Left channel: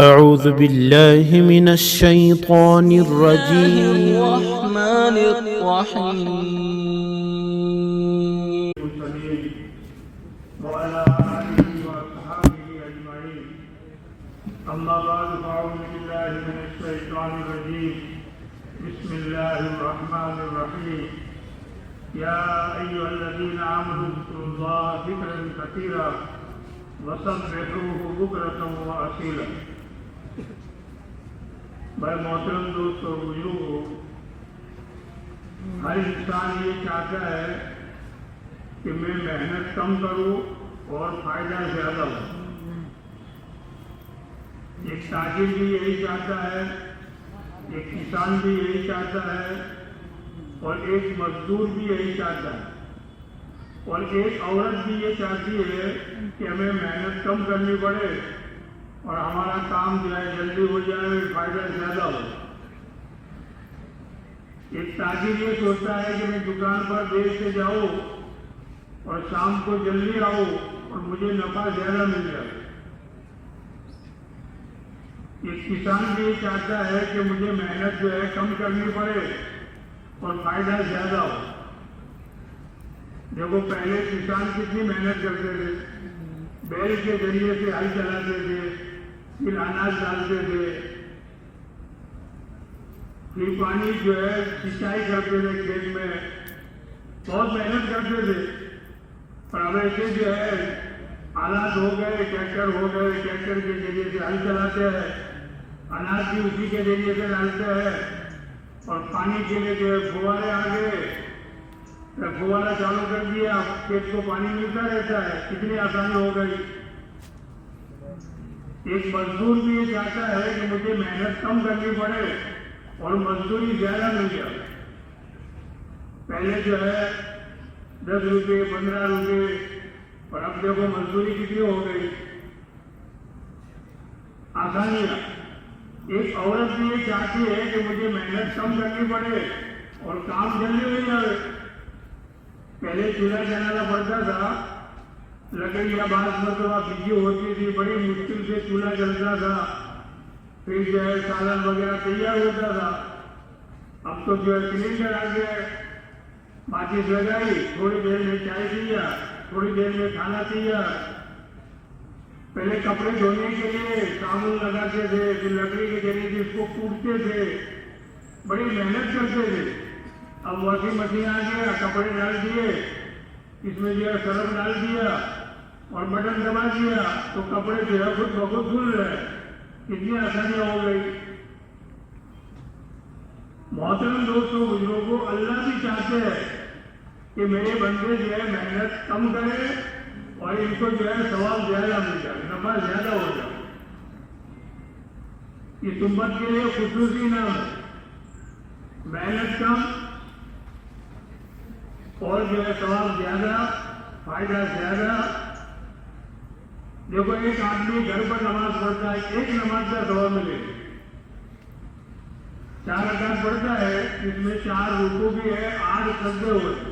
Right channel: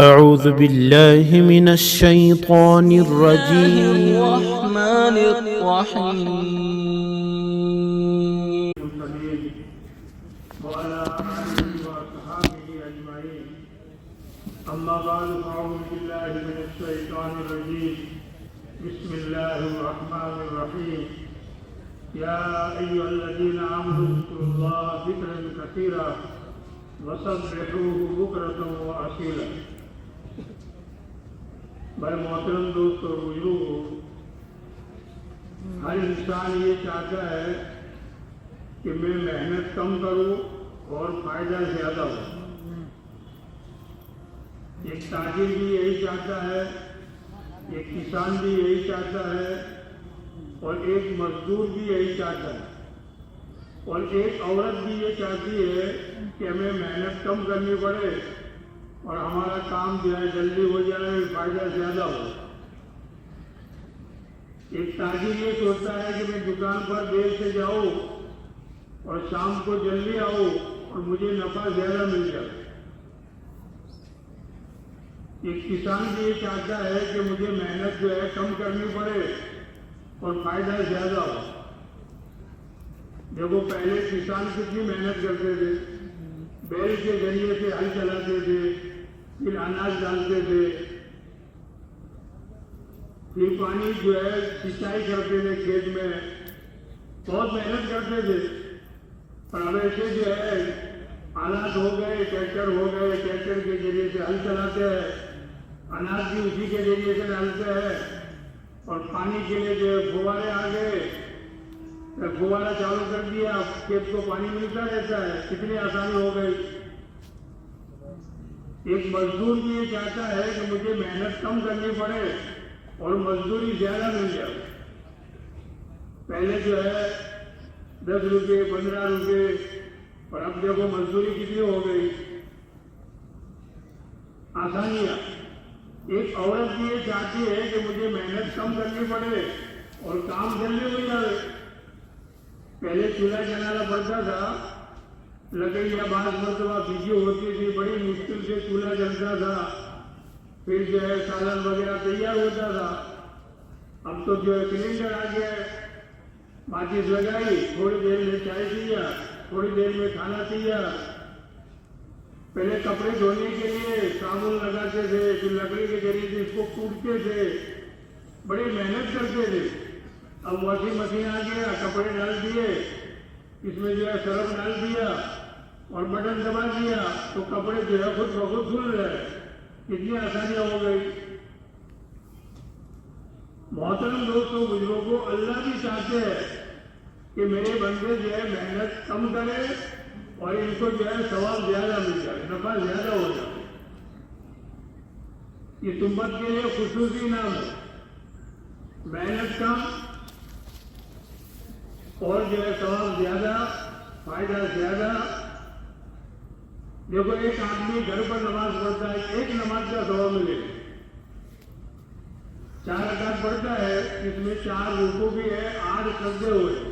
أعوذ بالله من الشيطان الرجيم. الرحمن الرحيم. وعلى آله وأصحابه أجمعين. أما بعد فأعوذ بالله من الشيطان الرجيم. بسم الله الرحمن الرحيم. يا أيها الذين آمنوا اذكروا الله ذكرا كثيرا وسبحوه بكرة وأصيلا. بھائی محترم دوستو بزرگو، ہر انسان یہ چاہتا ہے کہ میں محنت کم کروں اور فائدہ زیادہ ہو. ایک تاجر بھی یہی چاہتا ہے، ایک کسان بھی یہی چاہتا ہے، اور ایک مزدور بھی یہی چاہتا ہے، اور ایک عورت بھی یہ چاہتی ہے کہ ہمیں محنت کم کرنی پڑے اور ہمارا کام جو ہے جلدی ہو جائے اور فائدہ زیادہ ہو. ایک تاجر یہ سوچتا ہے کہ میں دکان پر دیر سے جاؤں اور شام کو جلدی آؤں اور مجھے نفع زیادہ مل جائے. ایک کسان بھی یہ چاہتا ہے کہ مجھے محنت جو ہے کم کرنی پڑے اور فائدہ زیادہ ہو. دیکھو پہلے کسان کتنی محنت کرتے تھے، بیل کے ذریعے سے ہل چلاتے تھے، پھر اناج ڈالتے تھے، پھر پانی جو ہے سینچائی کرتے تھے کھیت میں، بہت محنت کرتے تھے. پر اب ایسے جو ہے آلات ہو گئے، ٹریکٹر ہو گئے، ٹریکٹر کے ذریعے سے ہل چلاتے ہیں، اناج بھی اسی کے ذریعے سے ڈالتے ہیں، اور پانی کے لیے جو ہے فوارے آ گئے، فوارہ چالو کر دیا، کھیت کو پانی ملتا رہتا ہے. کتنی آسانی ہو گئی. ایک مزدور بھی یہ چاہتا ہے کہ مجھے محنت کم کرنی پڑے اور مزدوری زیادہ مل جائے. پہلے جو ہے 10 روپے 15 روپے، اور اب دیکھو مزدوری کتنی ہو گئی. آسانیاں. ایک عورت بھی یہ چاہتی ہے کہ مجھے محنت کم کرنی پڑے اور کام جلدی ہو جائے. پہلے چولہا جلانا پڑتا تھا، لکڑیاں بعض مرتبہ بھیجی ہوتی تھی، بڑی مشکل سے چولہا جلتا تھا، پھر جو ہے سالن وغیرہ تیار ہوتا تھا. اب تو جو ہے سلنڈر آ گیا ہے، ماچس لگائی، تھوڑی دیر میں چائے پیا، تھوڑی دیر میں کھانا پیا. پہلے کپڑے دھونے کے لیے صابن لگاتے تھے، پھر لکڑی کے ذریعے سے اس کو کوٹتے تھے، بڑی محنت کرتے تھے. اب واشنگ مشین آ گیا، کپڑے ڈال دیے، اس میں جو ہے سرف ڈال دیا اور بٹن دبا دیا تو کپڑے جو ہے خود بخود دھل رہے. کتنی آسانیاں ہو گئی. محترم دوستوں بزرگوں، اللہ بھی چاہتے ہیں کہ میرے بندے جو ہے محنت کم کرے اور ان کو جو ہے ثواب زیادہ مل جائے، نفع زیادہ ہو جائے. اس امت کے لیے خصوصی نہ ہو، محنت کم اور جو ہے ثواب زیادہ، فائدہ زیادہ. دیکھو ایک آدمی گھر پر نماز پڑھتا ہے، ایک نماز کا ثواب ملے. 4 رکعت پڑھتا ہے، اس میں 4 رکوع بھی ہے، 8 سجدے ہوتے.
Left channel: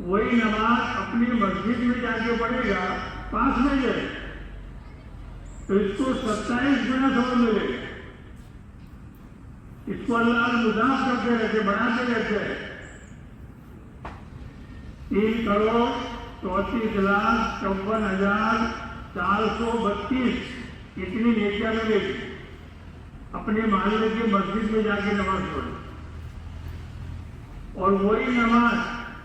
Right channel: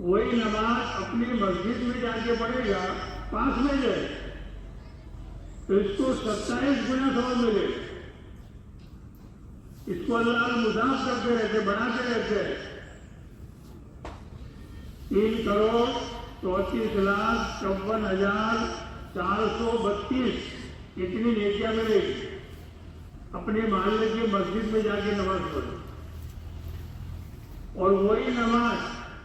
وہی نماز اپنی مسجد میں جا کے پڑھے گا، پاس میں جائے تو اس کو 27 گنا ثواب ملے. اس کو اللہ مضاعف کرتے رہتے، بڑھاتے رہتے ہیں. 3,34,54,432 اتنی نیکیاں ملے گی. اپنے محلے کی مسجد میں جا کے نماز پڑھو، اور وہی نماز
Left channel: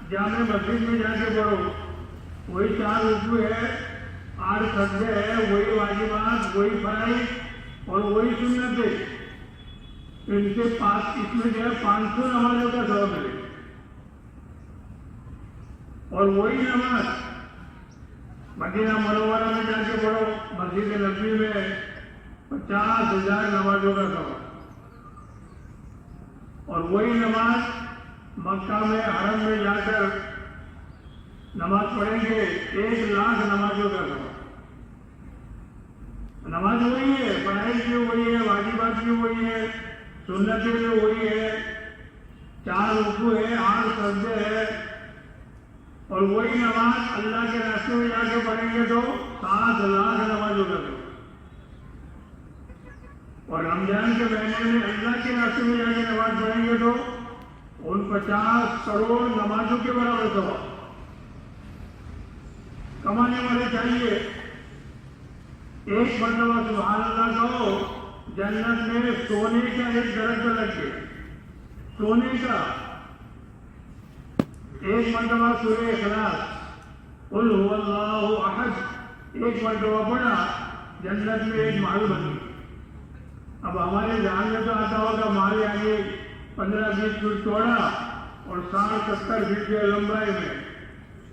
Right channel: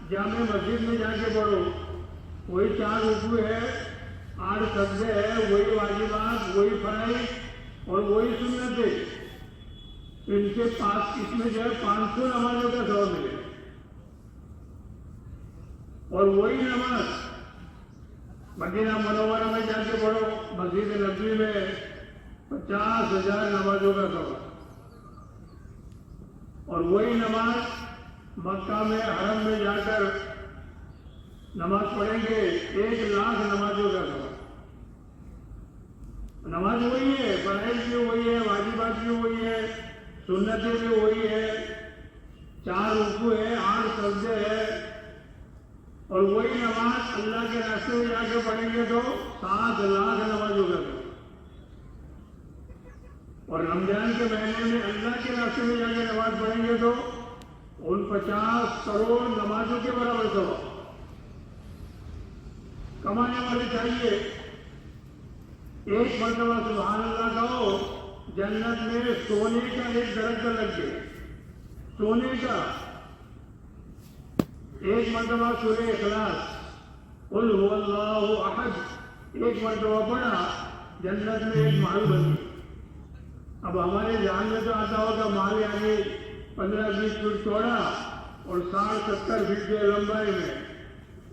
جامع مسجد میں جا کے پڑھو. وہی 4 رکوع ہے، 8 سجدے ہے، وہی واجبات، وہی فرائض اور وہی سنتیں. ان سے اس میں جو ہے 500 نمازوں کا ثواب ملے. اور وہی نماز مدینہ منورہ میں جا کے پڑھو، مسجد نبوی میں 50,000 نمازوں کا ثواب. اور وہی نماز مکہ میں حرم میں جا کر نماز پڑھیں گے، 1,00,000 نمازوں کا ثواب. نماز وہی ہے، فرائض بھی وہی ہے، واجبات بھی وہی ہے، سنتیں بھی وہی ہے، 4 رکوع ہے، 8 سجدے ہے. اور وہی نماز اللہ کے راستے میں جا کے پڑھیں گے تو 7,00,000 نمازوں کا. اور رمضان کے مہینے میں اللہ کے راستے میں جا کے نماز پڑھیں گے تو ان 50 کروڑ نمازوں کے برابر ثواب کمانے والے چاہیے. ایک مرتبہ سبحان اللہ کہو، جنت میں سونے کا ایک درخت لگ گیا، سونے کا. ایک مرتبہ سورہ اخلاص قل هو اللہ احد ایک مرتبہ پڑھا، جنت میں ایک محل بن گئی. اب ہمارے ذہن میں تو آتا ہوگا محل یعنی 15-20 فٹ چوڑا اور 60-70 فٹ کے لمبائی میں.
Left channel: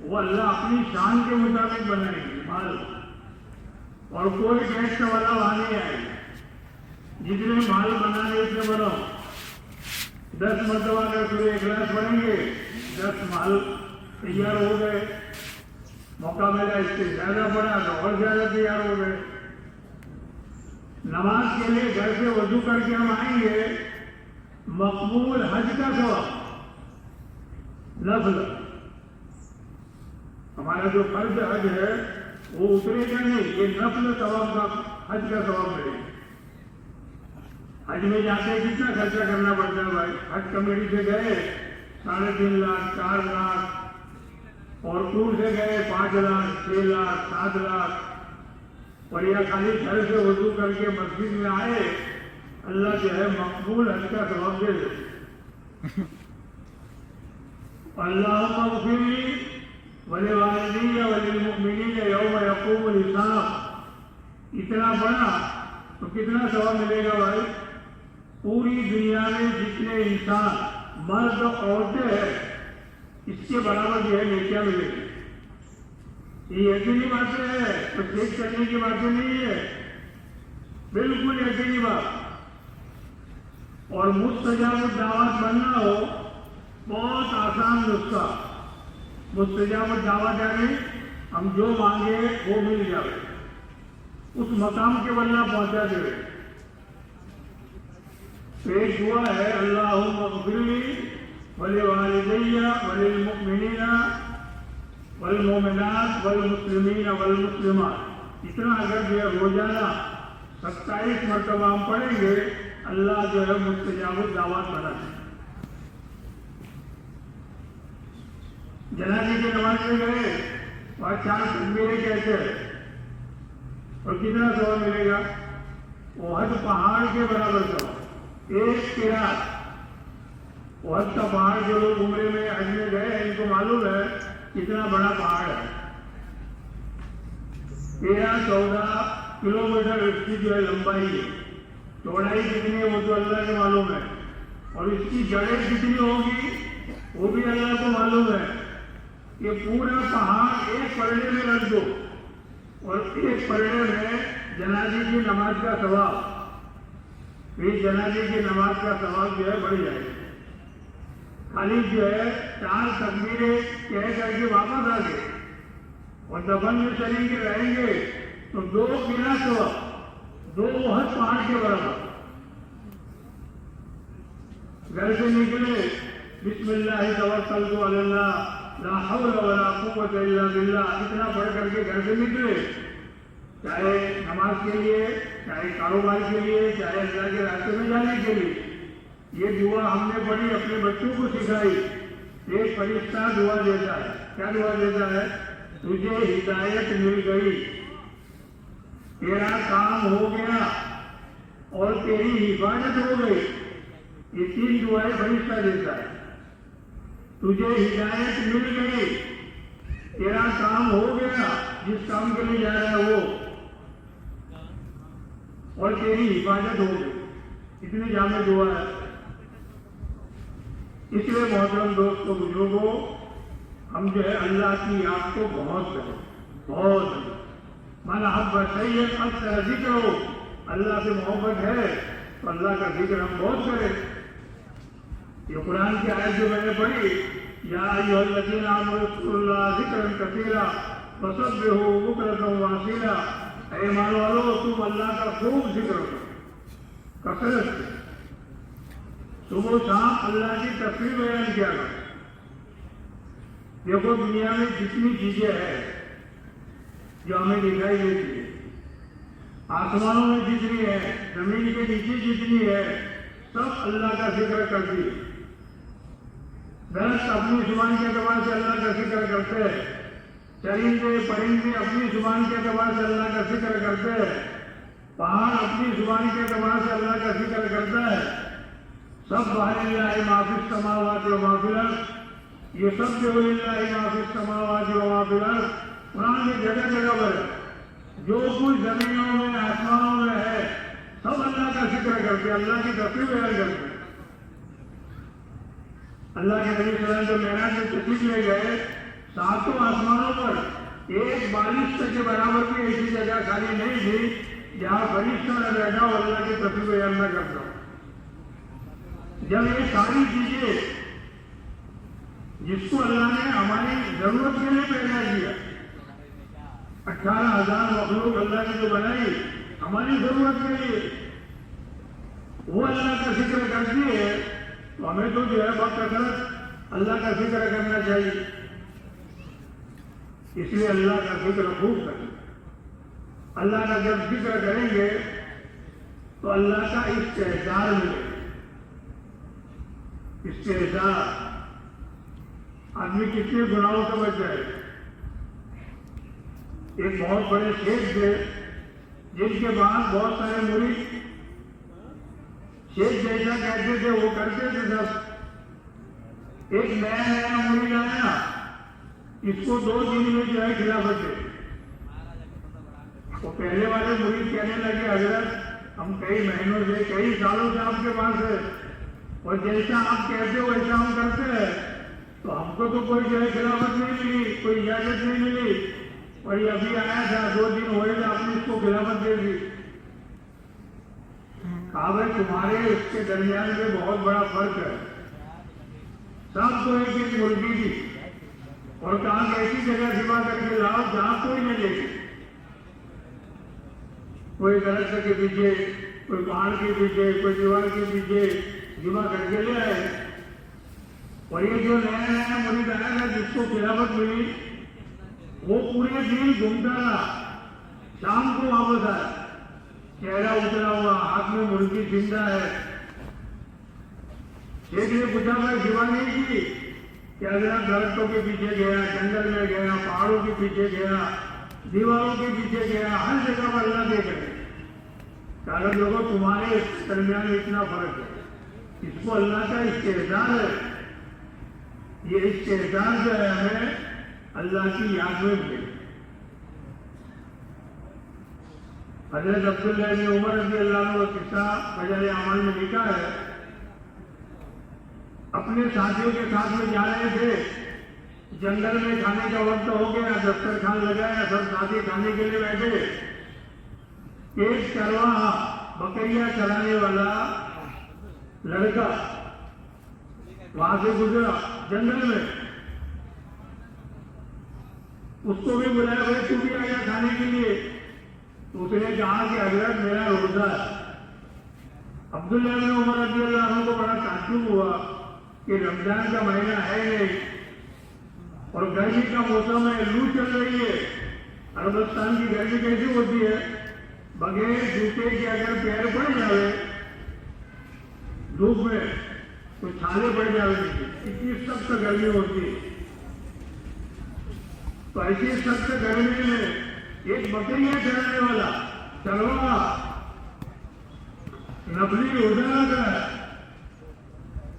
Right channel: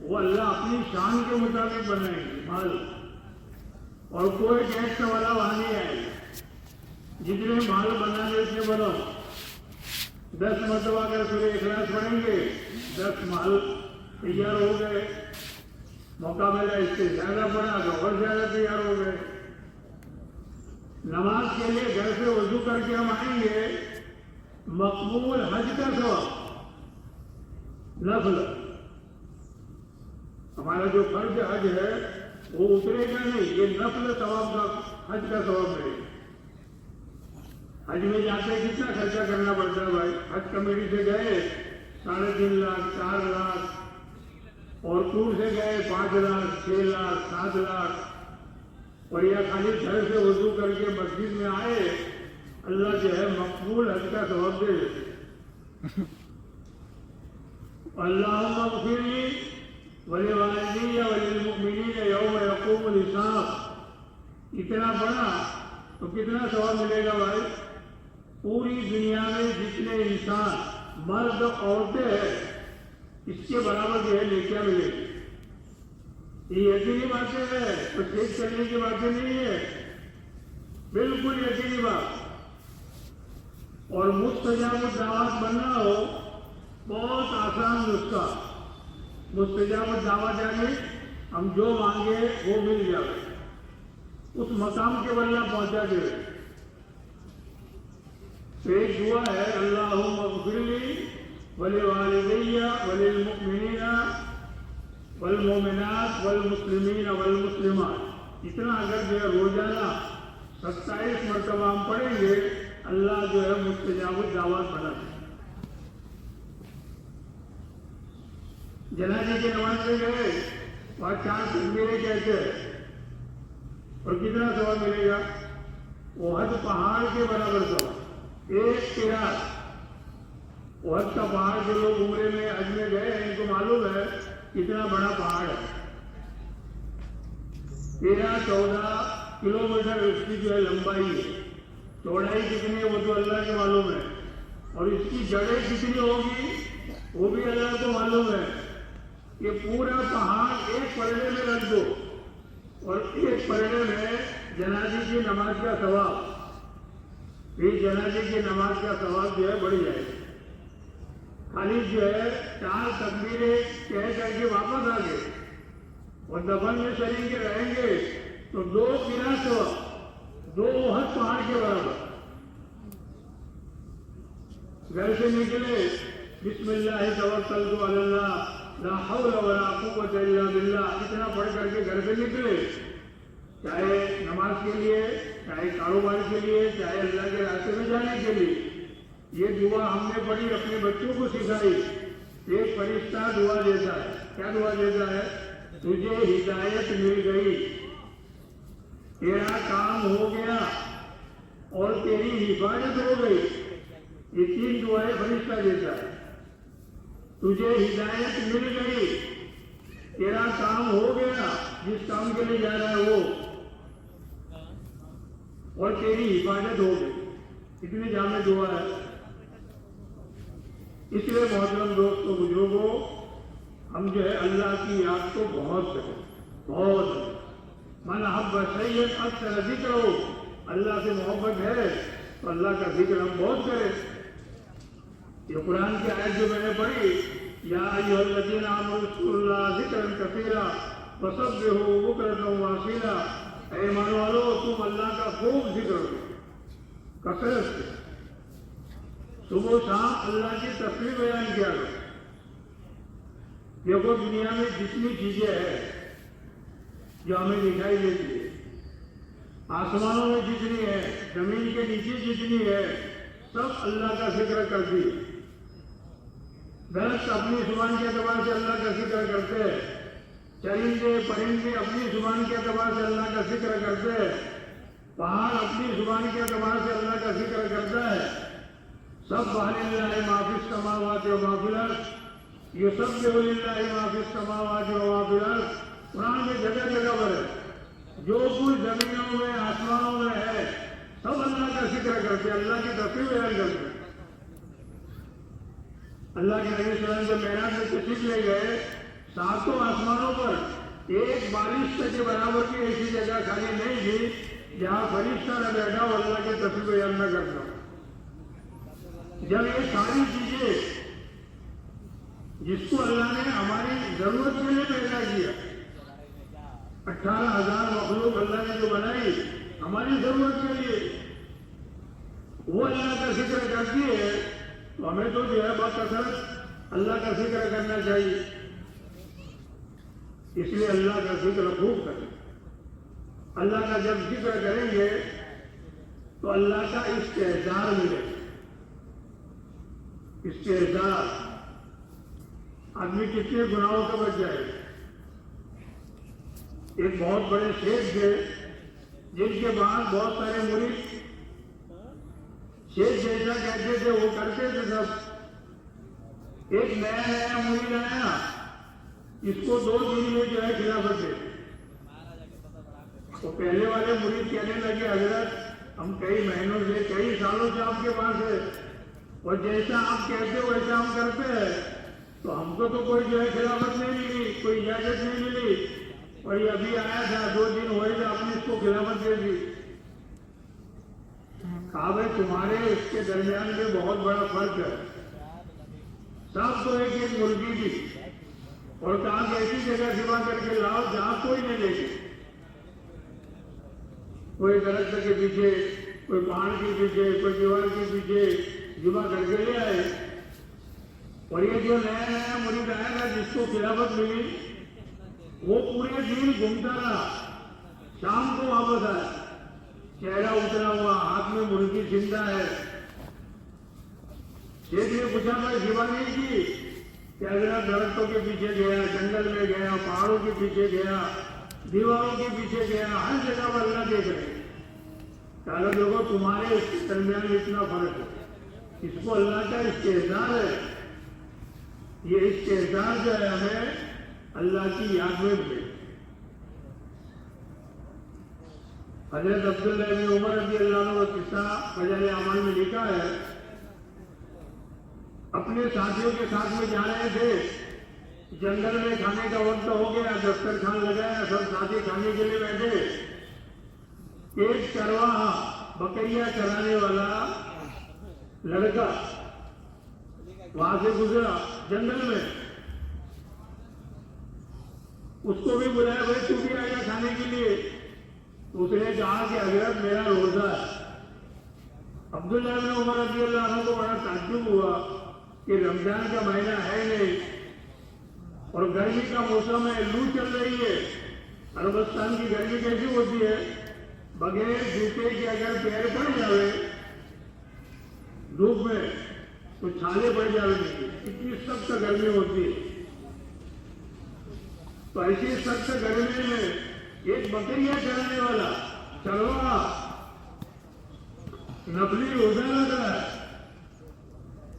وہ اللہ اپنی شان کے مطابق بنائیں گے محل، اور کوئی ٹیکس والا وہاں نہیں آئے. جتنے محل بنانے اتنے بناؤ. 10 مرتبہ اگر سورہ اخلاص پڑھیں گے 10 محل تیار ہو گئے. موقع ملا اس سے زیادہ پڑھا تو اور زیادہ تیار ہو گئے. نماز کے لیے گھر سے وضو کر کے ہم آئیں گے، مقبول حج کا ثواب. نفل ہمارا جو فرض حج ہے وہ اترے گا نہیں، یہ نفل ثواب کا حج کا ثواب ملے گا. حج میں جاتے کتنا خرچہ کرنا پڑتا ہے بھائی. حج کمیٹی سے گئے 3.5 لاکھ 4 لاکھ، اور ٹور سے گئے 5 لاکھ 6 لاکھ 7 لاکھ، اور یہ خالی گھر سے وضو کر کے مسجد میں آئے، اللہ جو ہے مقبول حج کا ثواب دے دے. اللہم اغفر لی ولوالدی وللمؤمنین یوم یقوم الحساب. اتنا پڑھا تو کتنا ثواب ملے گا بھائی؟ پوری دنیا میں جتنے انسان مرد عورتیں ہیں اس کے برابر جو ہے نیکیاں ملے گی. یہ یقینی باتیں ہے، تو چیک کرنے کی باتیں نہیں ہے، بالکل یقینی بات. اور مستجاب الدعوات بننا ہو بہت آسان نسخہ. مستجاب الدعوات یعنی ہم جو مانگے وہ مل جائے، اس مقام کے بلّہ پہنچا دے. ایک دعا ہے اللہم اغفر لی ولوالدی وللمؤمنین والمؤمنات والمسلمین والمسلمات. اتنا اگر جو ہے روزانہ 27 مرتبہ ہم پڑھیں گے، اللہ جو ہے مستجاب الدعوات کرا ہے. جنازے کی نماز میں گئے اور 4 تکبیریں کہتے ہیں، اور کتنا ثواب ملے گا؟ احد پہاڑ کے برابر ثواب. ایک قرات احد کا پہاڑ جو لوگ عمرے میں حج میں گئے ہیں ان کو معلوم ہے کتنا بڑا پہاڑ ہے. 13-14 کلومیٹر اس کی جو ہے لمبائی ہے. چوڑائی کتنی ہے وہ تو اللہ کو معلوم ہے، اور اس کی جڑیں کتنی ہوگی وہ بھی اللہ کو معلوم ہے. کہ پورا پہاڑ ایک پرڑے میں رکھ دو اور ایک پرڑے میں جنازے کی نماز کا ثواب، پھر جنازے کی نماز کا ثواب جو ہے بڑھ جائے گا. خالی جو ہے 4 تکبیریں کہہ کر کے واپس آ گئے اور دفن میں چلیں گے رہیں گے تو 2 قرات ثواب، 2 احد پہاڑ کے برابر. گھر سے نکلے بسم اللہ توکلت علی اللہ لا حول ولا قوت الا باللہ اتنا پڑھ کر کے گھر سے نکلے، چاہے نماز کے لیے، چاہے کاروبار کے لیے، چاہے اللہ کے راستے میں جانے کے لیے. یہ دعا ہم نے پڑھی، اپنے بچوں کو سکھائی. ایک فرشتہ دعا دیتا ہے. کیا دعا دیتا ہے؟ تجھے ہدایت مل گئی، تیرا کام ہو گیا اور تیری حفاظت ہو گئی. یہ 3 دعائیں فرشتہ دیتا ہے. تجھے ہدایت مل گئی، تیرا کام ہو گیا جس کام کے لیے جا رہا ہے وہ، اور تیری حفاظت ہو گئی. اتنی جامع دعا ہے. اس لیے محترم دوستوں بزرگوں، ہم جو ہے اللہ کی یاد کو بہت کریں، بہت. من احب شیئا اکثر ذکرہ، اللہ سے محبت ہے تو اللہ کا ذکر ہم بہت کریں. یہ قرآن کی آیت جو میں نے پڑھی، یا ایھا الذین آمنوا اذکروا اللہ ذکرا کثیرا وسبحوہ بکرۃ واصیلا. اے ایمان والو تم اللہ کا خوب ذکر کرو، کثرت سے، صبح و شام اللہ کی تسبیح بیان کیا کرو. دیکھو دنیا میں جتنی چیزیں ہیں جو ہمیں دکھائی دیتی ہے، آسمانوں میں جتنی ہے، زمین کے نیچے جتنی ہے، سب اللہ کا ذکر کرتی ہے۔ درخت اپنی زبان کے اعتبار سے اللہ کا ذکر کرتے ہیں، چرندے پرندے اپنی زبان کے اعتبار سے اللہ کا ذکر کرتے ہیں، پہاڑ اپنی زبان کے اعتبار سے اللہ کا ذکر کرتا ہے۔ سب للہ ما فی السماوات و ما فی الارض، یہ سب للہ ما فی السماوات و ما فی الارض قرآن میں جگہ جگہ پر ہے۔ جو کچھ زمینوں میں آسمانوں میں ہے سب اللہ کا ذکر کرتے ہیں، اللہ کی تسبیح بیان کرتے ہیں۔ اللہ کے نبی صلی اللہ علیہ وسلم معراج میں تشریف لے گئے، ساتوں آسمانوں پر ایک بالشت کے برابر کی ایسی جگہ خالی نہیں تھی جہاں فرشتہ نہ بیٹھا اور اللہ کی تسبیح بیان نہ کرتا۔ جب یہ ساری چیزیں جس کو اللہ نے ہماری ضرورت کے لیے پیدا کیا، 18,000 مخلوق اللہ نے جو بنائی ہماری ضرورت کے لیے، وہ اللہ کا ذکر کرتی ہے، تو ہمیں تو جو ہے بکثرت اللہ کا ذکر کرنا چاہیے۔ اس لیے اللہ کا ذکر خوب کریں۔ اللہ کا جب ذکر کریں گے تو اللہ کا استحضار ملے گا۔ استحضار، آدمی کتنے گناہوں سے بچ جائے۔ ایک بہت بڑے شیخ تھے جن کے بعد بہت سارے مرید شیخ جیسا کہتے تھے وہ کرتے تھے سب۔ ایک نیا مرید آیا، اس کو 2 دن میں جو ہے خلافت دے۔ تو پہلے والے مرید کہنے لگے حضرت ہم کئی مہینوں سے کئی سالوں سے آپ کے پاس ہے اور جیسا آپ کہتے ہو ویسا ہم کرتے ہیں، تو ہم کو تو کوئی جو ہے خلافت نہیں ملی، کوئی اجازت نہیں ملی، اور یہ ابھی آیا تھا 2 دن ہوئے گا آپ نے اس کو خلافت دے دی۔ کہا بھائی تمہارے اس کے درمیان میں بہت بڑا فرق ہے، سب کو ایک ایک مرغی دی اور کہا کہ ایسی جگہ سوا کر کے لاؤ جہاں کوئی نہیں دیکھے، کوئی درخت کے پیچھے، کوئی پہاڑ کے پیچھے، کوئی دیوار کے پیچھے جمع کر کے لے آئے۔ اور یہ جو نیا مرید آیا تھا جس کو خلافت ملی، وہ پورے دن گھومتا رہا، شام کو واپس آیا، چہرہ اترا ہوا، ہاتھ میں مرغی زندہ ہے۔ شیخ نے پوچھا میں سیوا نہیں کی کہ اگر درختوں کے پیچھے گیا، جنگل میں گیا، پہاڑوں کے پیچھے گیا، دیواروں کے پیچھے گیا، ہر جگہ پر اللہ دیکھ رہے۔ کہا لوگوں تمہارے اس درمیان اتنا فرق ہے، اس کو اللہ کا استحضار ہے۔ یہ استحضار جو ہے ہمیں اللہ کی یاد میں ملے۔ حضرت عبداللہ بن عمر رضی اللہ عنہ کا قصہ فجر اعمال میں لکھا ہے، اپنے ساتھیوں کے ساتھ میں جا رہے تھے، جنگل میں کھانے کا وقت ہو گیا، دسترخوان لگایا، سب ساتھی کھانے کے لیے بیٹھے۔ ایک چرواہا بکریاں چرانے والا لڑکا وہاں سے گزرا جنگل میں، اس کو بھی بلایا گیا تو بھی آیا کھانے کے لیے۔ اس نے کہا کہ حضرت میرا روزہ ہے۔ عبداللہ بن عمر رضی اللہ عنہ کو بڑا تعجب ہوا کہ رمضان کا مہینہ ہے نہیں اور گرمی کا موسم ہے، لو چل رہی ہے۔ عربستان کی گرمی کیسی ہوتی ہے، بغیر جوتے کے اگر پیر پڑ جائے دھوپ میں تو چھالے پڑ جائیں گے، اتنی سخت گرمی ہوتی ہے۔ تو ایسی سخت گرمی میں ایک بکریاں چرانے والا چرواہا نفلی روزہ رکھ رہا ہے۔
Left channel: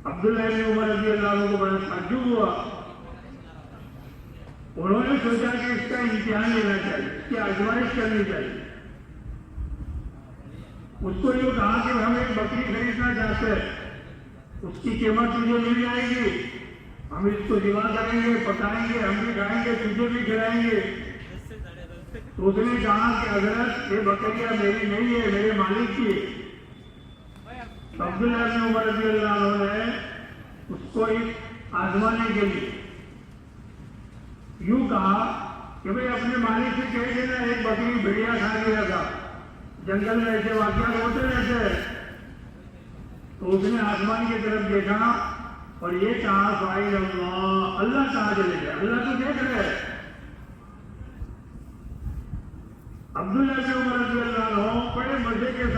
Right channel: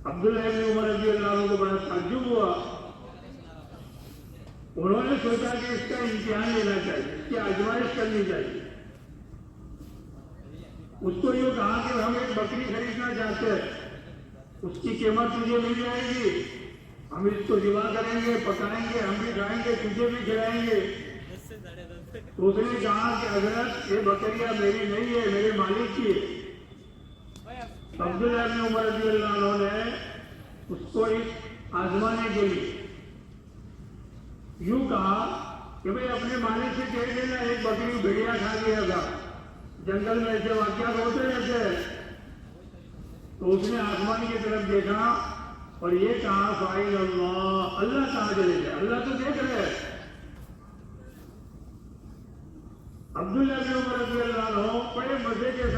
عبداللہ بن عمر رضی اللہ عنہ کو بڑا تعجب ہوا۔ انہوں نے سوچا کہ اس کا امتحان لینا چاہیے، اس کی آزمائش کرنی چاہیے۔ اس کو یہ کہا کہ ہم ایک بکری خریدنا چاہتے ہیں، اس کی قیمت تجھے مل جائے گی، ہم اس کو ذبح کریں گے، پکائیں گے، ہم بھی کھائیں گے، تجھے بھی کھلائیں گے۔ تو اس نے کہا کہ حضرت یہ بکریاں میری نہیں ہے، میرے مالک کی ہے۔ عبداللہ بن عمر رضی اللہ عنہ نے اس کو آزمانے کے لیے یوں کہا کہ بھئی اپنے مالک سے کہہ دینا ایک بکری بھیڑیا کھا گیا تھا، جنگل میں ایسے واقعات ہوتے رہتے ہیں۔ تو اس نے آسمان کی طرف دیکھا اور یہ کہا فائل اللہ، اللہ کہاں چلے گئے، اللہ تو دیکھ رہے۔ عبداللہ بن عمر رضی اللہ عنہ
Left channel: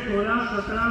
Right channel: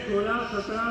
16-17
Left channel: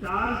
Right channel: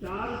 4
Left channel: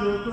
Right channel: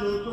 200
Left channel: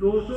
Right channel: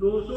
200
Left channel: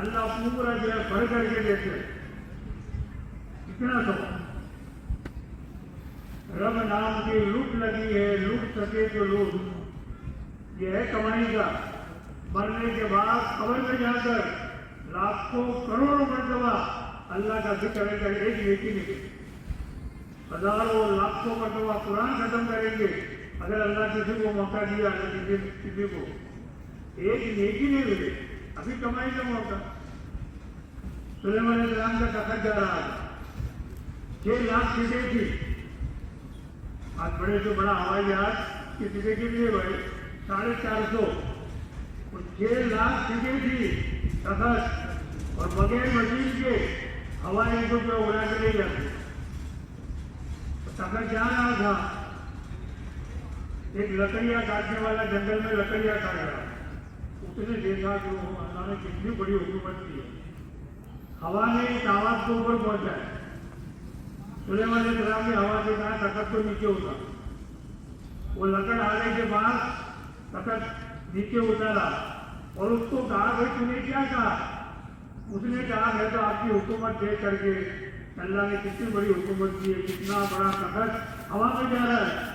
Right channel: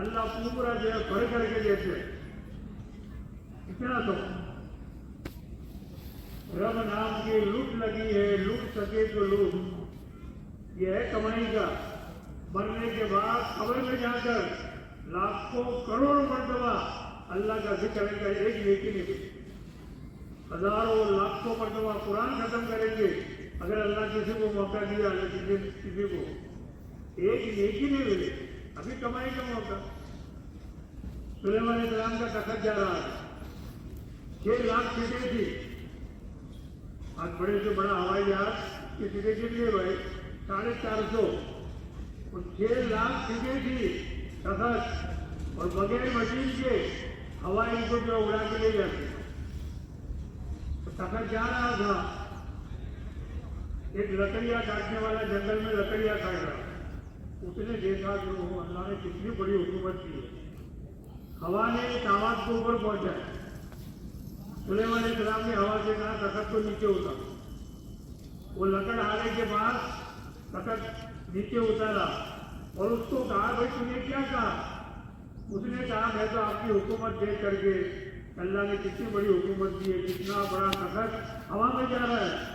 اللہ پورا جو ہے بھر کر کے دیتے، اتنا سب رب نام کی لوٹ لگی ہے، لوٹ سکے تو لوٹ، یہ ہے کمائی کا۔ مرنے کے بعد قبر میں جا کر لاکھوں کروڑوں مرتبہ اللہ کا ذکر کر ایک نیکی نہیں، ہزاروں لاکھوں مرتبہ قرآن ختم کریں گے اگر اللہ کسی کو موقع دیا، اللہ کسی کو ایک نیکی نہیں ملے، ابھی کمائی کا موقع۔ سلیمان علیہ السلام کا تخت جا رہا تھا، 6 لاکھ سیٹیں تھی، آج بڑے سے بڑا ہوائی جہاز کی سیٹیں کتنی بھائی 450، اور 6 لاکھ سیٹیں تھی تخت، اور بغیر مشین کے ہوائی کو جو اڑا کے لے جاتے، تخت جا رہا تھا، ایک لکڑیاں کاٹنے والا جنگل میں لکڑیاں کاٹ رہا، اس نے دیکھا کہ اللہ نے کتنی بڑی حکومت کی ہے، ہوا نے ایک آواز کو اوپر پہنچایا، سلیمان علیہ السلام نے ہوا سے کہا تخت کو نیچے اتارا، وہ لکڑ آنے کے بعد تخت نیچے اتارا اور اس کو کہا بھائی تم نے کیا کہا؟ اس نے کہا میں تو آپ کی حکومت دیکھ کر کے اللہ نے کتنی بڑی حکومت کی ہے، کتنا بڑا تخت ہوا میں جا رہا ہے۔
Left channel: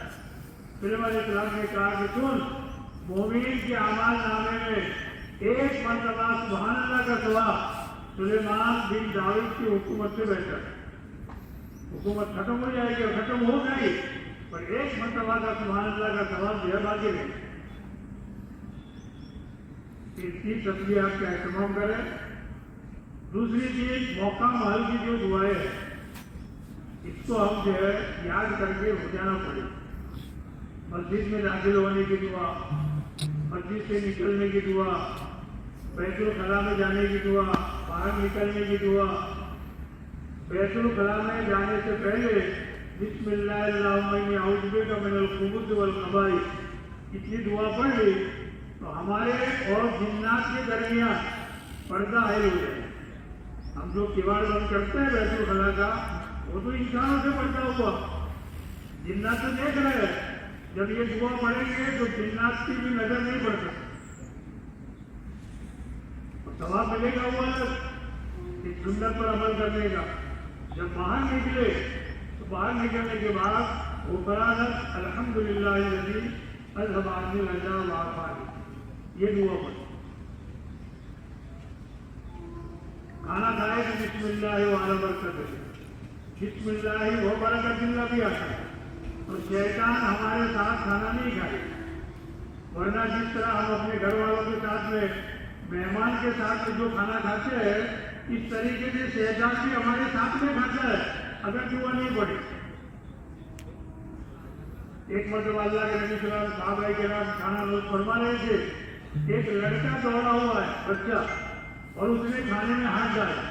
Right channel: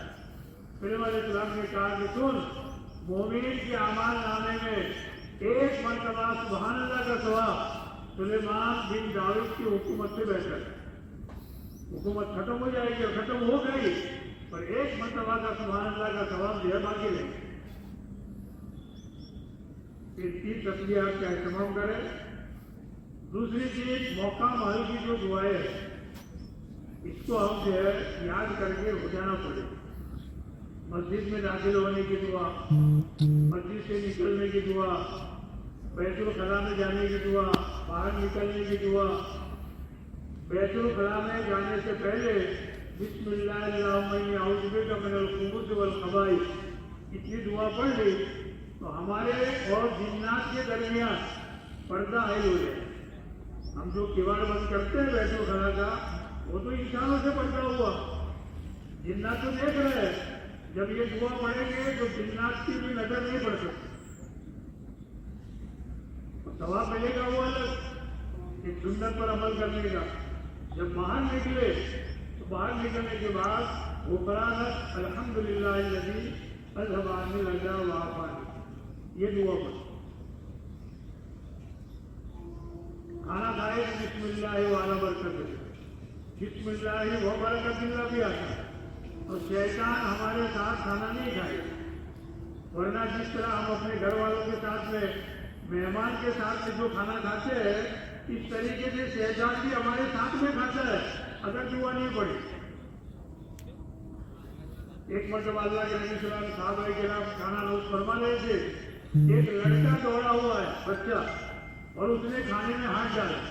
سلیمان علیہ السلام نے کہا کہ سن، مومن کے اعمال نامے میں ایک مرتبہ سبحان اللہ کا ثواب سلیمان بن داؤد کی حکومت سے بہتر ہے۔ حکومت ختم ہو جائے گی اور ختم ہو گئی، پر ایک مرتبہ کا سبحان اللہ کا ثواب بے باقی نہیں۔ اس کی تسبیحات کا اہتمام کریں۔ دوسری چیز موقع محل کی جو دعائیں ہیں، اس کو ہم جو ہے یاد کر کے ہو جانا پڑے۔ مسجد میں داخل ہونے کی دعا، مسجد سے نکلنے کی دعا، بیت الخلاء میں جانے کی دعا، باہر نکلنے کی دعا، بیت الخلاء میں جانے سے پہلے بسم اللہ اللہم انی اعوذ بک من الخبث والخبائث اتنی دعا پڑھ لی تو ہمارے اور جنات کے درمیان پردہ حائل ہو جائے۔ ہم جو کیواڑ بند کرتے ہیں بیت الخلاء کا، وہ تو انسانوں سے پردہ ہوا، جنات تو دیکھ رہے ہیں، جب یہ دعا پڑھیں گے تو جنات کی بھی نظر نہیں پڑ سکتی، ثواب ملے گا وہ الگ، ایک سنت پر عمل کرنے کا۔ جب باہر نکلے تو باہر نکلنے کے بعد وہ قرآن الحمدللہ الذی اذھب عنی الحزن والآفات، یہ دعا پڑھ۔ کھانا کھائے تو بسم اللہ وعلی برکتہ، بسم اللہ و برکت اللہ بھی آتا ہے، اور شیطان ہمارے ساتھ کھانا نہیں کھائے، ورنہ جس طرح ہم اپنے گھر والوں کے ساتھ میں مہمان کے ساتھ جو کھانا کھاتے ہیں، اس طریقے سے شیطان بھی ہمارے ساتھ میں کھاتا ہے اگر دعا نہیں پڑے۔ ایک مرتبہ اللہ کے نبی صلی اللہ علیہ وسلم صحابہ کرام کھانا نوش فرما رہے تھے، ایک لڑکا دوڑا ہوا ہے بچہ، اور اس نے کھانے میں ہاتھ ڈالا،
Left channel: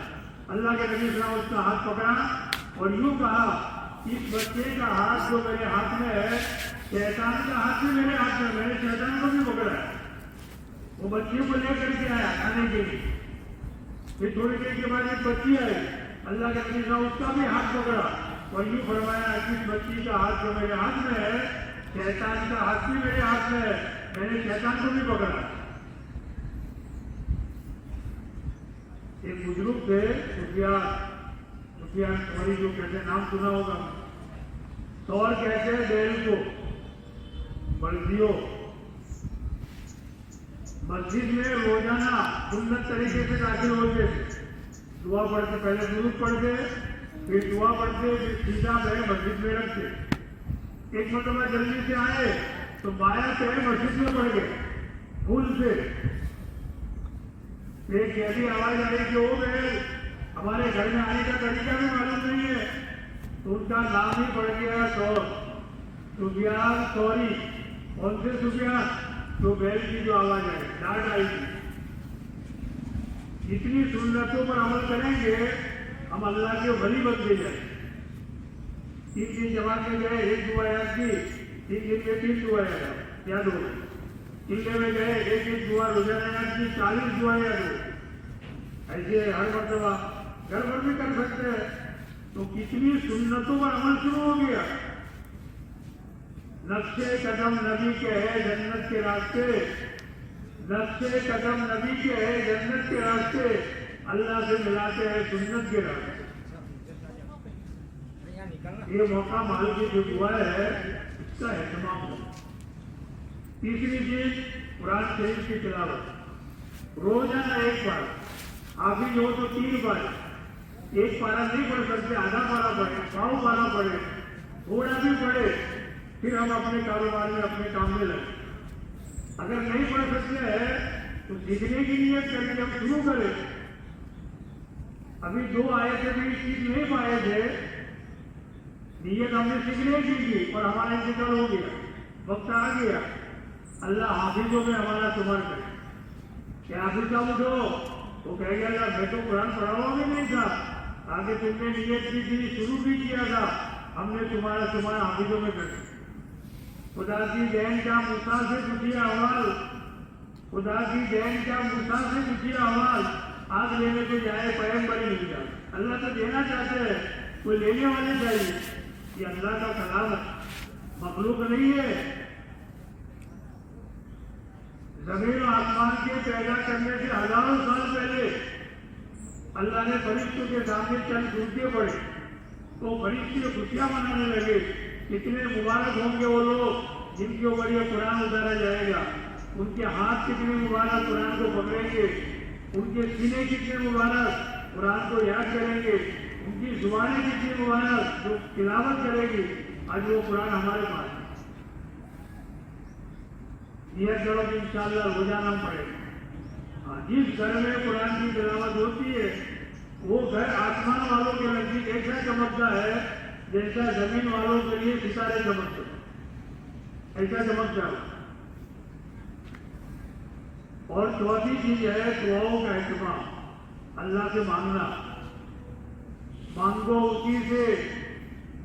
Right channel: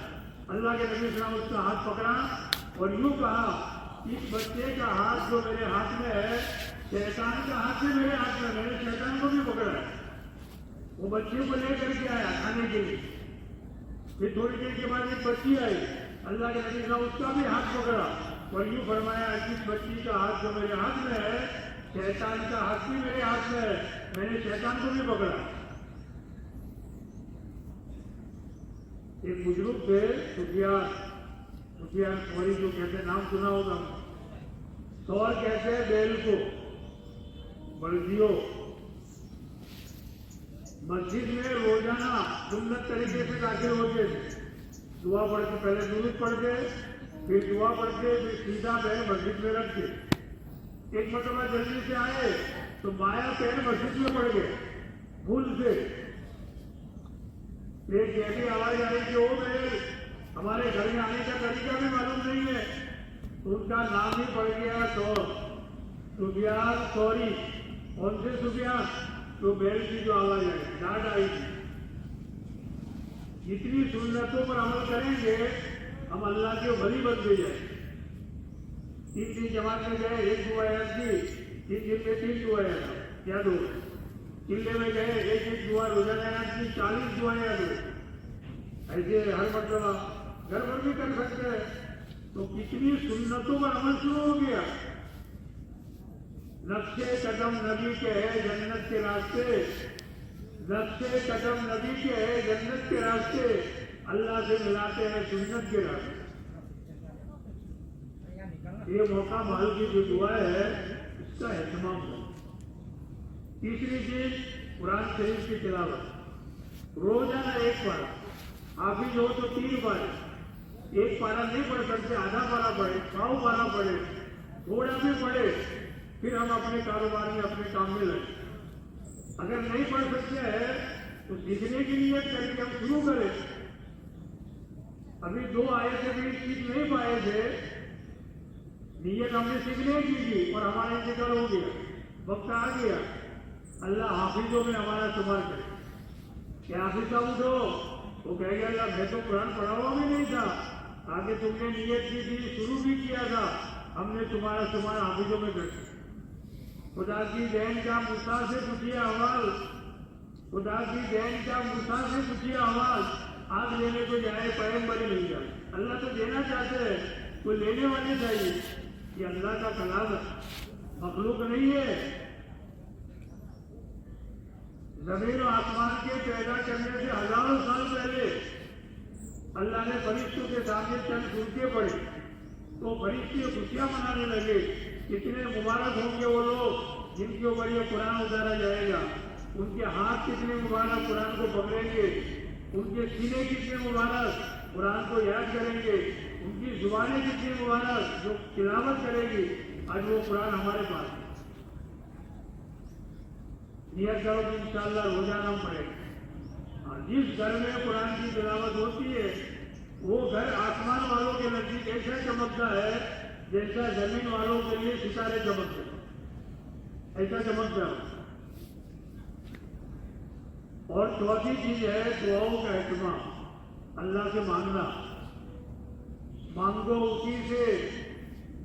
اللہ کے نبی صلی اللہ علیہ وسلم اس کا ہاتھ پکڑا اور یوں کہا اس بچے کا ہاتھ جو میرے ہاتھ میں ہے، شیطان کا ہاتھ بھی میرے ہاتھ میں، میں نے شیطان کو بھی پکڑا۔ وہ بچے کو لے کر کے آیا کھانے کے لیے، پھر تھوڑی دیر کے بعد ایک بچی آئی، اللہ کے نبی صاحب اس کا بھی ہاتھ پکڑا اور یوں فرمایا اس بچی کا ہاتھ جو میرے ہاتھ میں ہے، شیطان کا ہاتھ بھی میرے ہاتھ میں ہے، میں نے شیطان کو بھی پکڑا۔ ایک بزرگ تھے سفیان ثوری، جو کہتے ہیں نام سنا ہوگا، ثور کہتے ہیں بیل کو، بلدیوں مسجد میں روزانہ سنت طریقے سے داخل ہوتے تھے، دعا پڑھتے، پہلے درود پڑھتے، پھر دعا پڑھتے، پھر سیدھا پیر مسجد میں رکھتے۔ ایک مرتبہ جلدی سے آئے تو بایاں پیر مسجد میں پڑ گئے بھول سے، ایک ایسی آواز آئی کہ وہ میرے ہمارے گھر میں آنے کا طریقہ بھی معلوم نہیں ہے، تو ان کا نام ہی پڑ گیا سفیان ثوری۔ کون سے سفیان؟ جو بیل کی جو آواز آئی، ڈانٹ آئی تھی۔ جتنی سنتوں پر عمل کریں گے ہم اللہ کے ولی بنتے جائیں۔ 3 جماعت میں گئے، ایک دعا یاد کی، 3 دعا یاد ہو، ٹیلے میں گئے، ایک دعا روزانہ یاد کی، 40 دعا یاد ہو۔ ایسے ہر مرتبہ گھر بھر بھی کر سکتے ہیں، تو کتنی سنتوں پر عمل شروع ہو گیا۔ نقش قدم نبی کے ہے جنت کے راستے، نقش قدم نبی کے ہے جنت کے راستے، اللہ سے ملاتے ہیں سنت کے راستے. یہ موقع مال کی جو دعا ہے اس کا اہتمام ہو. تیسری چیز قرآن شریف کی تلاوت. روزانہ ایک بار حافظ ہو تو 3 بار. ایک پارا نہیں پڑھ سکتے, آدھا پارا پڑھے, پاؤ پارا پڑھے, تھوڑا بھی پڑھے, پھر ہم اپنے کاروبار میں اپنے کام میں لگے. اگر نہیں پڑھ سکتے ہیں تو سیکھنے کی نیت کر کے ہم شروع کریں. ابھی 2 آیتیں بھی سیکھ نہیں پائے تھے, نیت ہم نے سیکھنے کی تھی اور ہمارا انتقال ہو گیا, وقت آ گیا. اللہ حافظوں میں ہمارا شمار کرے. کہ حافظ صاحب جو وہ کہے گا یار میں تو قرآن پڑھا ہوا بھی نہیں تھا, آگے تم نے نیت کی تھی, شروع بھی کیا تھا, ہم نے تمہارا شمار حافظوں میں کر دیا. خدا کی دین کا موسیٰ سے پوچھیے احوال, خدا کی دین کا موسیٰ سے پوچھیے احوال. آگ لینے سے جائے پیغمبر مل جائے. اللہ تو دینا چاہتے ہیں, کوئی لینے والے چاہیے. یہ اللہ کا کلام ہے, مخلوق نہیں ہے. زمین و آسمان کے پیدا کرنے سے ہزاروں سال پہلے اللہ نے فرشتوں کے سامنے چند سنتے پڑے تو فرشتے خوشیاں منانے لگے. کتنے مبارک ہوں گے وہ لوگ جن کے اوپر یہ قرآن اتارا جائے گا. ان کے ہاتھ کتنے مبارک قرآن کو پکڑیں گے, ان کے سینے کتنے مبارک قرآن کو یاد کریں گے, ان کی زبانیں کتنی مبارک جو تلاوت کریں گی. آج وہ قرآن ہمارے پاس ہے. نیت کرو کہ انشاءاللہ روزانہ پڑھے. جس گھر میں قرآن کی تلاوت ہوتی ہے وہ گھر آسمان والوں کے نزدیک ایسا چمکتا ہے جیسا زمین والوں کے لیے ستارے چمکتے ہیں, ایسا چمکتا ہے. اور چوتھی چیز ہے دعاؤں کا اہتمام. اللہ سے مانگنا. مانگو اسی سے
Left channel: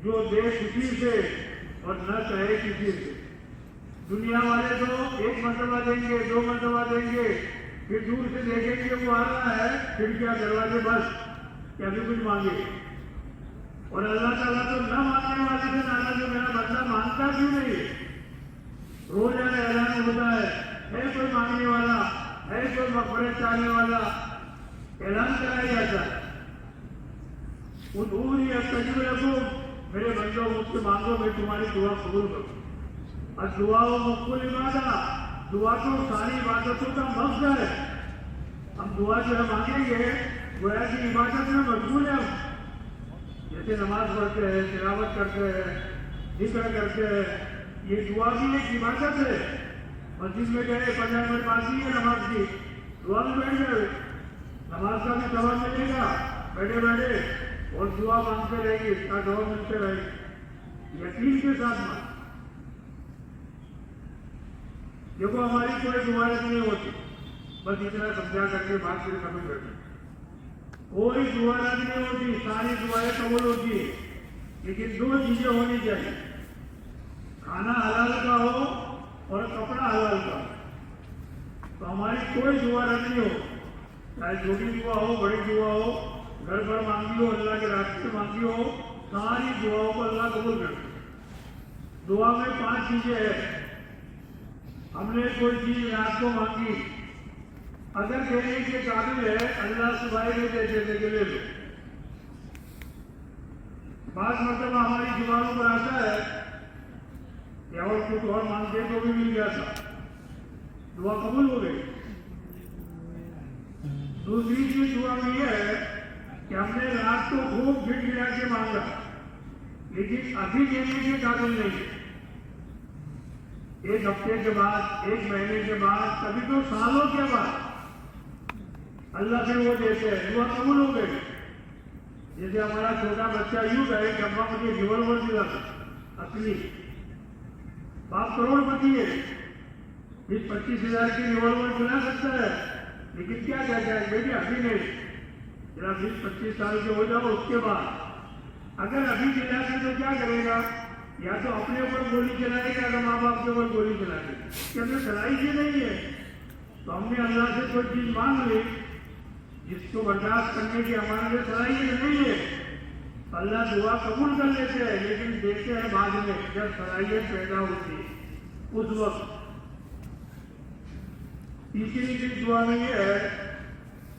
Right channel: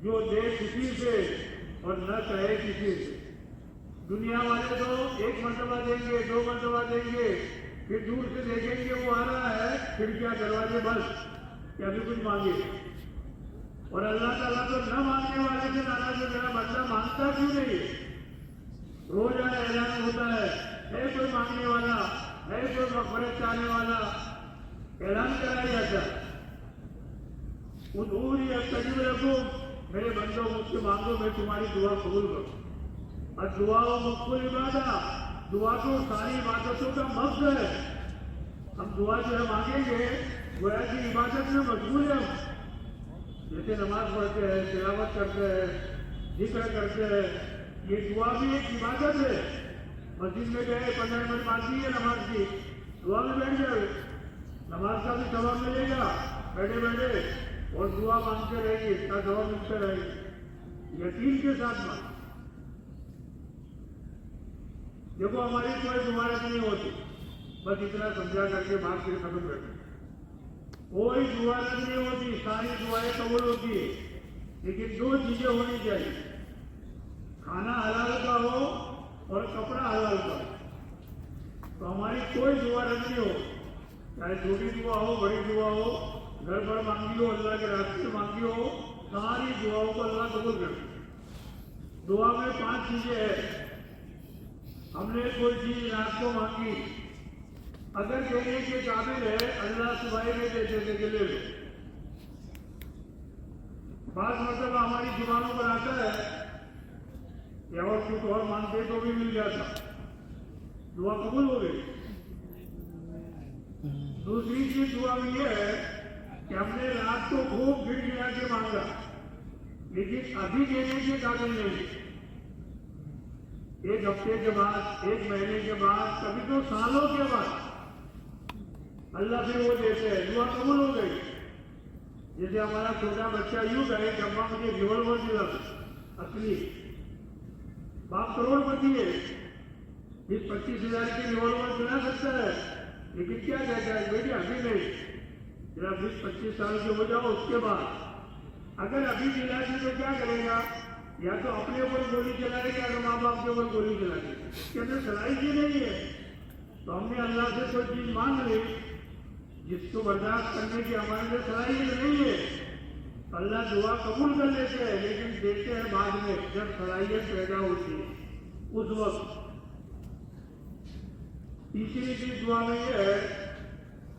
جو دے کسی سے اور نہ چاہے کسی سے. دنیا والے تو 1 مرتبہ دیں گے, 2 مرتبہ دیں گے, پھر دور سے دیکھیں گے وہ آ رہا ہے, پھر کیا دروازے بس کیا بھی کچھ مانگے. اور اللہ تعالیٰ تو نہ مانگنے والا سے ناراض ہے, میرا بندہ مانگتا بھی نہیں. روزانہ اعلان ہوتا ہے کوئی مانگنے والا ہے, کوئی مغفرت چاہنے والا, اعلان کرایا جاتا ہے. انہوں استجب لکم, میرے بندوں مجھ سے مانگو میں تمہاری دعا قبول کروں. اور دعا و مقبول عبادت, دعا تو ساری عبادتوں کا مقصد ہے. ہم دعا جو مانگیں گے گویا کی عبادت میں مشغول ہے. جیسے نماز پڑھتے ہیں, تلاوت کرتے ہیں, ذکر کرتے ہیں, یہ دعا بھی ایک عبادت ہے. مسجد میں گئے 15 منٹ پاسی ہے نماز کی, دعا میں بیٹھ گئے, نماز کا بھی ثواب ملے گا بیٹھے بیٹھے, اور دعا مانگتے رہے گی, اس کا ثواب ملتے رہے گی. یقین کے ساتھ مانگ. دیکھو ہماری کوئی دعائیں نہیں ہوتی, بس اتنا سمجھا کر کے بات پھر ختم کرتے. کوئی دعا نہیں ہوتی, ساری دعائیں قبول ہوتی ہے, لیکن 2 چیزیں ہونی چاہیے. کھانا حلال کا ہو اور کپڑا حلال کا ہو. تو ہماری کوئی دعا نہیں ہو, چاہے چھوٹی دعا ہو بڑی دعا ہو, گھر پر مانگی ہو, اللہ کے راستے مانگی ہو, ساری دعاؤں کو اللہ قبول کرے. دعا میں 5 چیزیں ہیں. ہم نے کوئی چیز رات کو مانگی, اگر دینے کے قابل ہے اللہ صبح میں دیتے تھے کہ لے لو. بعض مرتبہ ہماری زبانوں پر آتا ہے کہ اور کچھ اور مانگتے تو بھی مل جاتا, دعا قبول ہو گئی. دوسری چیز دعا میں یہ ہے کہ ہم نے رات کو خوب گھٹ گرا کے مانگا, لیکن ابھی دینے کے قابل نہیں. 1 ہفتے کے بعد, 1 مہینے کے بعد, کبھی تو سالوں کے بعد اللہ سے وہ دیتے ہیں, دعا قبول ہو گئی. جیسے ہمارا چھوٹا بچہ یوں کہے کہ ابا مجھے ریوالور دلا, اصلی باپ کروڑ پتی ہے, 20-25 ہزار کی ریوالور دلا سکتا ہے, لیکن کیا کہتا ہے بیٹی ابھی نہیں, ذرا 20-25 سال کے ہو جاؤ, اس کے بعد اگر ابھی دلا کے تو کیا کرے گا, یا تو اپنے اوپر گولی چلائے گا یا ماں باپ کے اوپر گولی چلائے گا, کہ ہمیں صلاحیت ہی نہیں ہے. تو ہم نے اللہ سے کوئی چیز مانگ لی جس کو برداشت کرنے کی ہمارے صلاحیت نہیں ہے, اللہ دعا قبول کر لیتے ہیں, لیکن دیکھتے ہیں بعد میں جب صلاحیت پیدا ہوتی ہے اس وقت. تیسری چیز دعا میں یہ ہے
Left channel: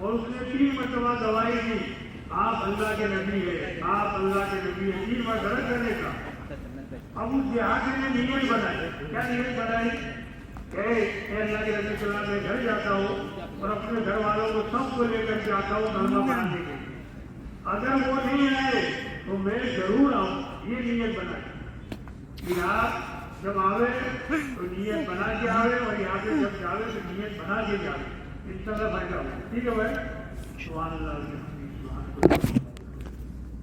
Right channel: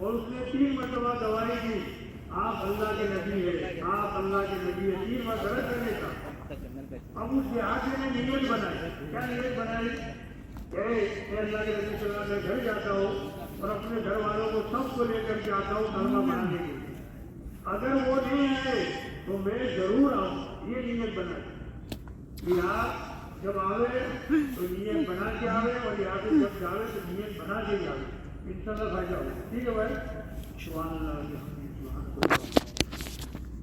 اور اس نے 3 مرتبہ دوائی دی، آپ اللہ کے نبی ہے، آپ اللہ کے نبی ہے، 3 بار غلط کرنے کا۔ اب اس دیہاتی نے نیت بنائی، کیا نیت بنائی کہ اے اللہ کے نبی صلی اللہ علیہ وسلم، میں گھر جاتا ہوں اور اپنے گھر والوں کو سب کو لے کر کے آتا ہوں کلمہ پڑھانے کے لیے، اگر وہ نہیں آئے تو میں ضرور آؤں، یہ نیت بنائی۔ کہ آپ جب آوے تو نیت بنا کے آوے، اور یہاں سے جب جاوے تو نیت بنا کے جاوے، انشاءاللہ فائدہ ہوگا۔ ٹھیک ہے بھائی، سبحان اللہ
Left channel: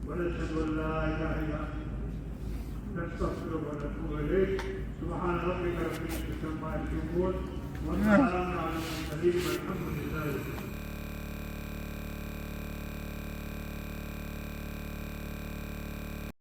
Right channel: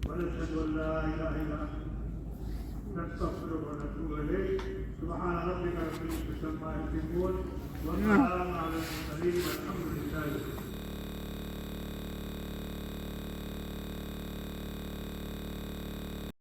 ونشهد ان لا اله الا انت نستغفرك ونتوب اليك۔ سبحان ربك رب العزة عما يصفون وسلام على المرسلين والحمد لله رب العالمين۔